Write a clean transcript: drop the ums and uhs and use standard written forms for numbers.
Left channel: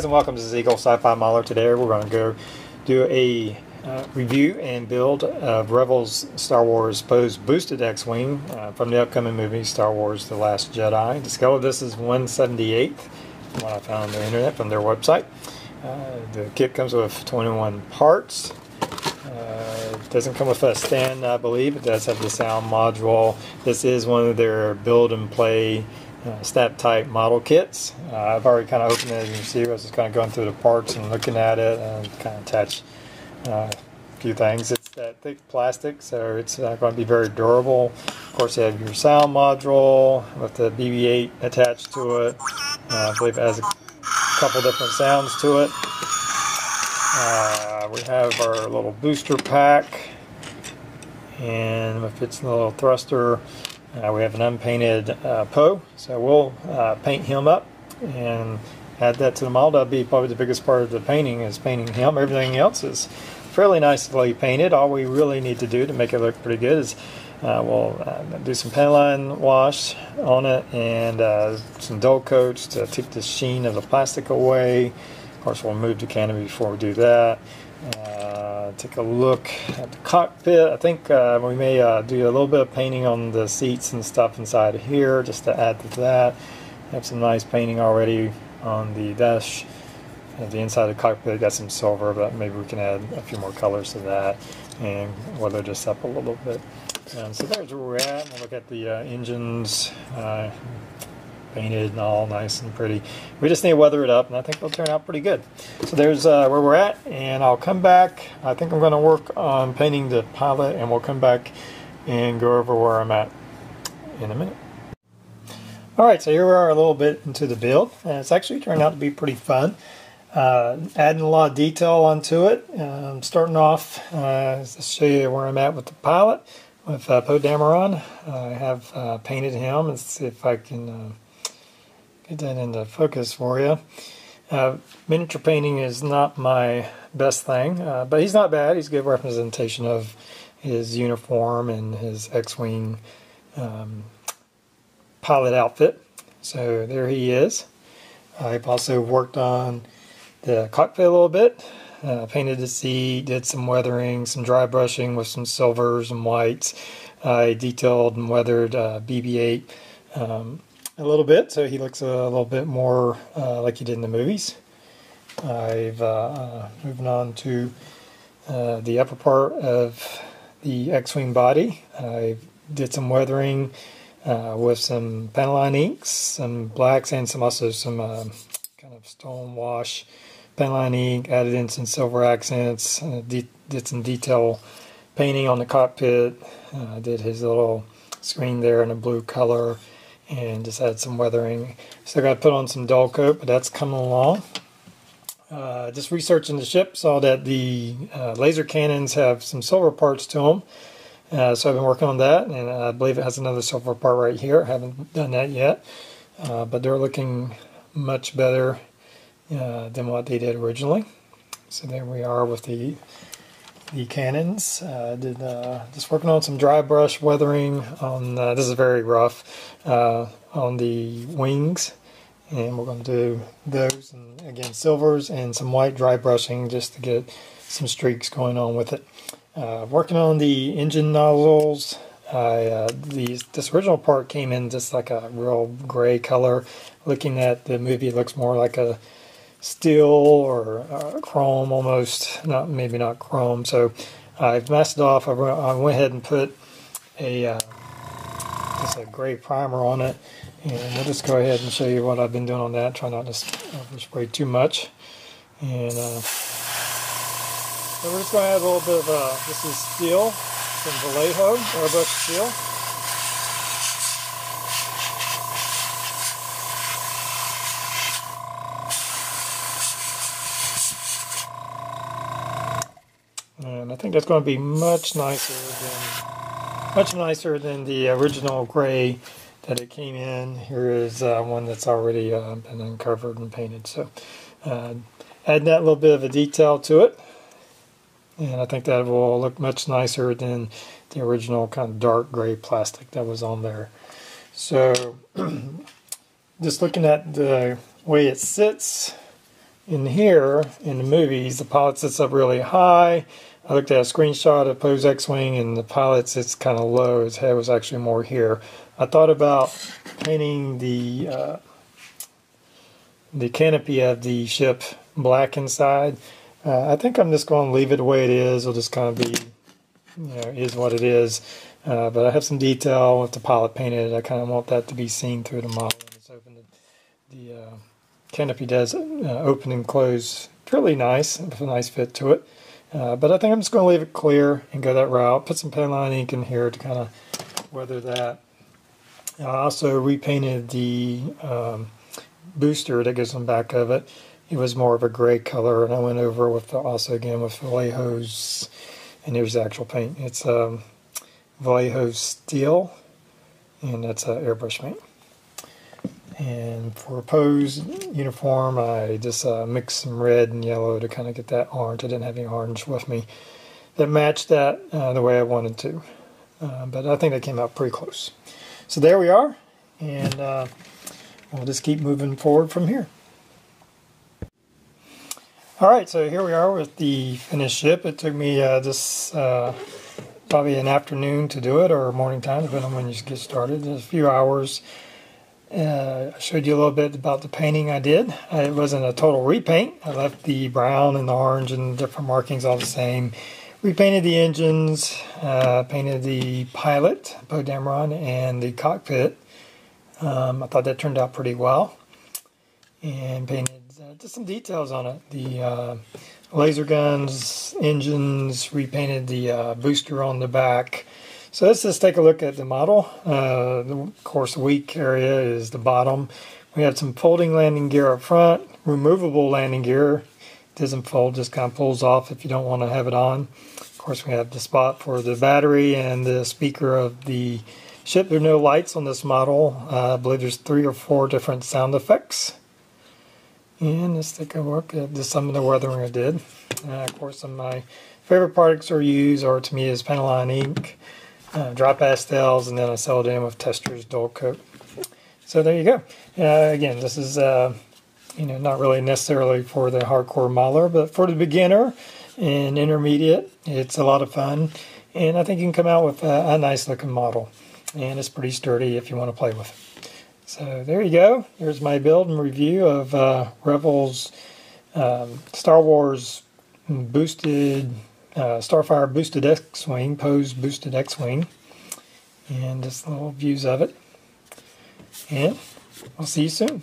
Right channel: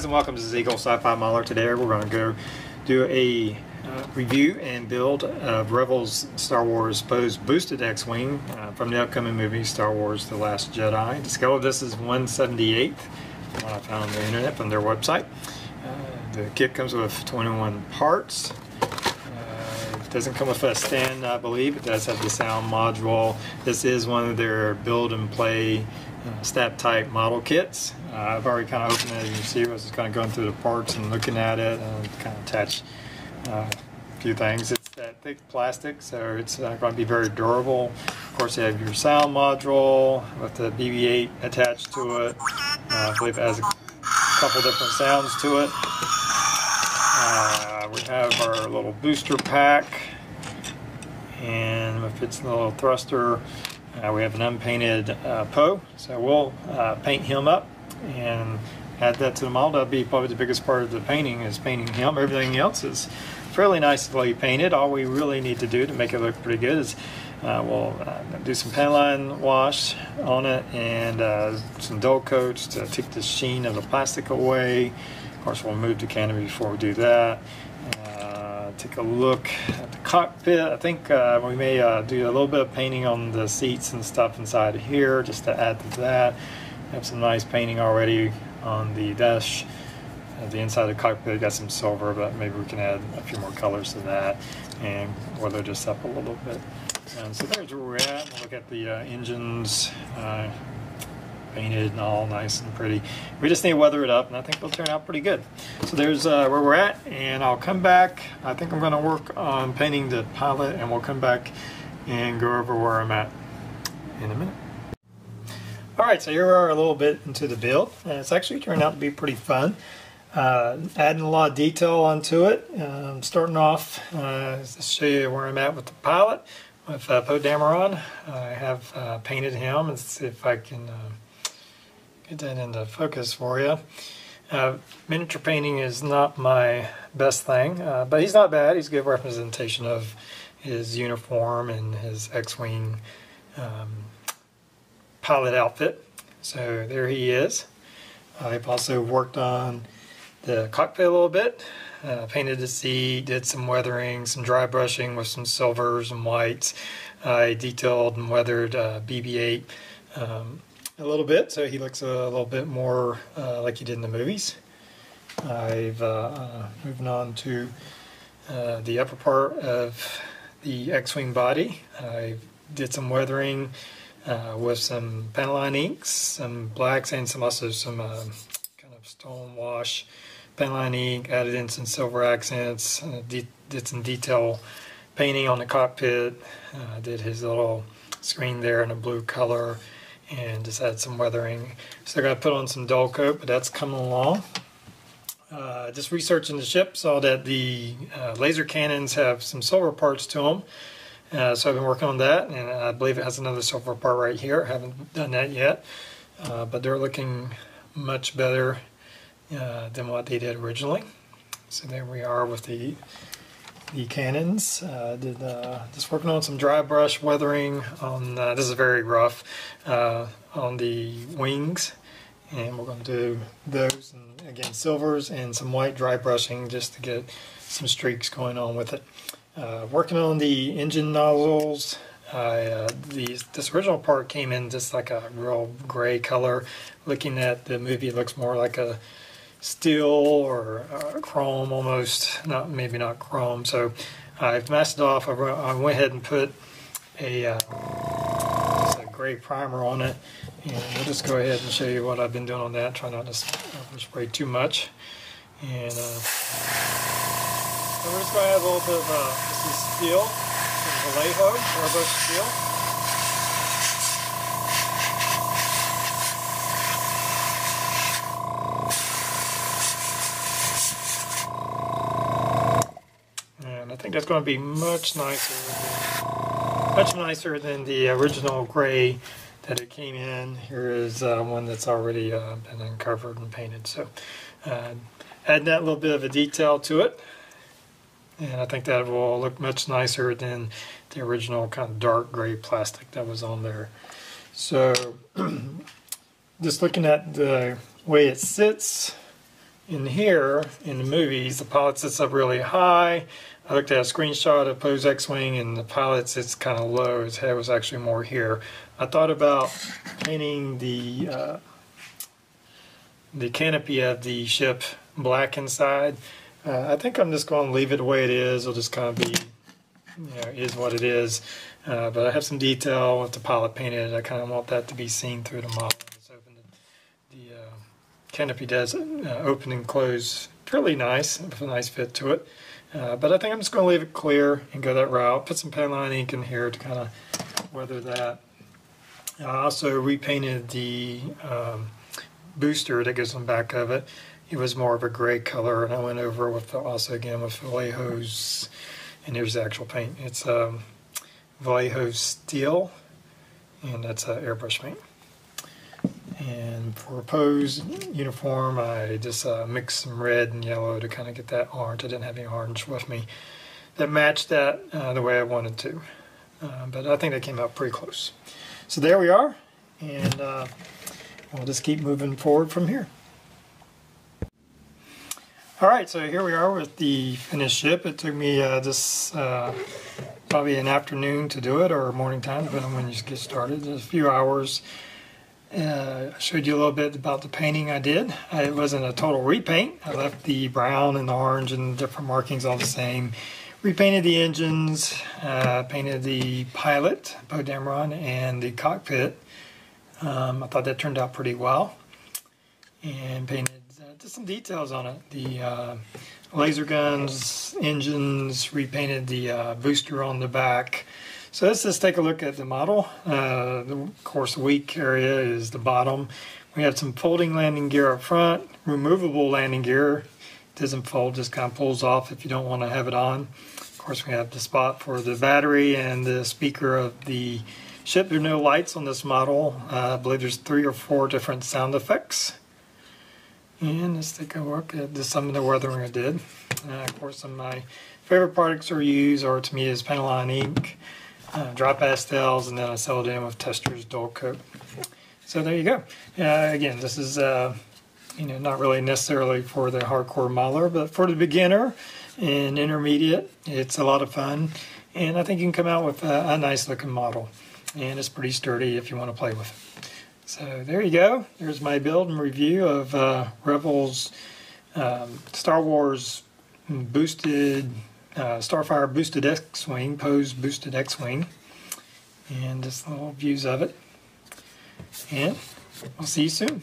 guys, and welcome to Eagle Sci-Fi Modeler. Today we're going to go do a review and build of Revell's Star Wars Poe's boosted X-Wing from the upcoming movie Star Wars The Last Jedi. The scale of this is 1/78 from what I found on the internet from their website. The kit comes with 21 parts. It doesn't come with a stand, I believe. It does have the sound module. This is one of their build and play stat type model kits. I've already kind of opened it, as you can see. I was just kind of going through the parts and looking at it and kind of attach a few things. It's that thick plastic, so it's going to be very durable. Of course, you have your sound module with the BB-8 attached to it. I believe it has a couple different sounds to it. We have our little booster pack, and if it's a little thruster, we have an unpainted Poe, so we'll paint him up and add that to the model. That'll be probably the biggest part of the painting, is painting him. Everything else is fairly nicely painted. All we really need to do to make it look pretty good is we'll do some paint line wash on it and some dull coats to take the sheen of the plastic away. Of course, we'll move the canopy before we do that. Take a look at the cockpit. I think we may do a little bit of painting on the seats and stuff inside of here just to add to that. We have some nice painting already on the dash. The inside of the cockpit got some silver, but maybe we can add a few more colors to that and weather this up a little bit. So there's where we're at. We'll look at the engines. Painted and all nice and pretty. We just need to weather it up, and I think it'll turn out pretty good. So there's where we're at, and I'll come back. I think I'm going to work on painting the pilot, and we'll come back and go over where I'm at in a minute. Alright, so here we are a little bit into the build, and it's actually turned out to be pretty fun. Adding a lot of detail onto it. Starting off, to show you where I'm at with the pilot, with Poe Dameron. I have painted him. Let's see if I can get that into focus for you. Miniature painting is not my best thing, but he's not bad. He's a good representation of his uniform and his X-Wing pilot outfit. So there he is. I've also worked on the cockpit a little bit. Painted the seat, did some weathering, some dry brushing with some silvers and whites. I detailed and weathered BB-8 a little bit, so he looks a little bit more like he did in the movies. I've moving on to the upper part of the X-Wing body. I did some weathering with some panel line inks, some blacks, and also some kind of stone wash paint line ink. Added in some silver accents. Did some detail painting on the cockpit. Did his little screen there in a blue color, and just add some weathering. Still got to put on some dull coat, but that's coming along. Just researching the ship, saw that the laser cannons have some silver parts to them. So I've been working on that, and I believe it has another silver part right here. I haven't done that yet, but they're looking much better than what they did originally. So there we are with the cannons. Just working on some dry brush weathering on, this is very rough, on the wings, and we're going to do those, and again silvers and some white dry brushing just to get some streaks going on with it. Working on the engine nozzles. This original part came in just like a real gray color. Looking at the movie, it looks more like a steel or chrome almost, maybe not chrome. So I've masked it off. I went ahead and put a gray primer on it, and we'll just go ahead and show you what I've been doing on that. Try not to spray too much. And so we're just going to add a little bit of this is steel from Vallejo, airbrush steel. And I think that's going to be much nicer than the original gray that it came in. Here is one that's already been uncovered and painted. So add that little bit of a detail to it, and I think that will look much nicer than the original kind of dark gray plastic that was on there. So just looking at the way it sits in here, in the movies, the pilot sits up really high. I looked at a screenshot of Poe's X-Wing, and the pilot sits kind of low. His head was actually more here. I thought about painting the canopy of the ship black inside. I think I'm just going to leave it the way it is. It'll just kind of be, is what it is. But I have some detail with the pilot painted. I kind of want that to be seen through the model. It's open. The canopy does open and close really nice, with a nice fit to it. But I think I'm just going to leave it clear and go that route. Put some paint ink in here to kind of weather that. I also repainted the booster that goes on the back of it. It was more of a gray color, and I went over with also again with Vallejo's, and here's the actual paint. It's Vallejo Steel, and that's airbrush paint. And for Poe's uniform, I just mixed some red and yellow to kind of get that orange. I didn't have any orange with me that matched that the way I wanted to. But I think they came out pretty close. So there we are, and we'll just keep moving forward from here. Alright, so here we are with the finished ship. It took me just probably an afternoon to do it, or morning time, depending on when you get started. Just a few hours. I showed you a little bit about the painting I did. It wasn't a total repaint. I left the brown and the orange and different markings all the same. Repainted the engines, painted the pilot, Poe Dameron, and the cockpit. I thought that turned out pretty well. And painted just some details on it. The laser guns, engines, repainted the booster on the back. So let's just take a look at the model. Of course, the weak area is the bottom. We have some folding landing gear up front, removable landing gear. It doesn't fold, just kind of pulls off if you don't want to have it on. Of course, we have the spot for the battery and the speaker of the ship. There are no lights on this model. I believe there's 3 or 4 different sound effects. And let's take a look at some of the weathering I did. Of course, some of my favorite products are used, or to me, is Paint ink. Dry pastels, and then I sealed it in with Tester's dual coat. So there you go. Again, this is not really necessarily for the hardcore modeler, but for the beginner and intermediate, it's a lot of fun. And I think you can come out with a nice looking model. And it's pretty sturdy if you want to play with it. So there you go. There's my build and review of Revell's Star Wars boosted Starfire boosted X-Wing, Poe's boosted X-Wing, and just little views of it. And I'll see you soon.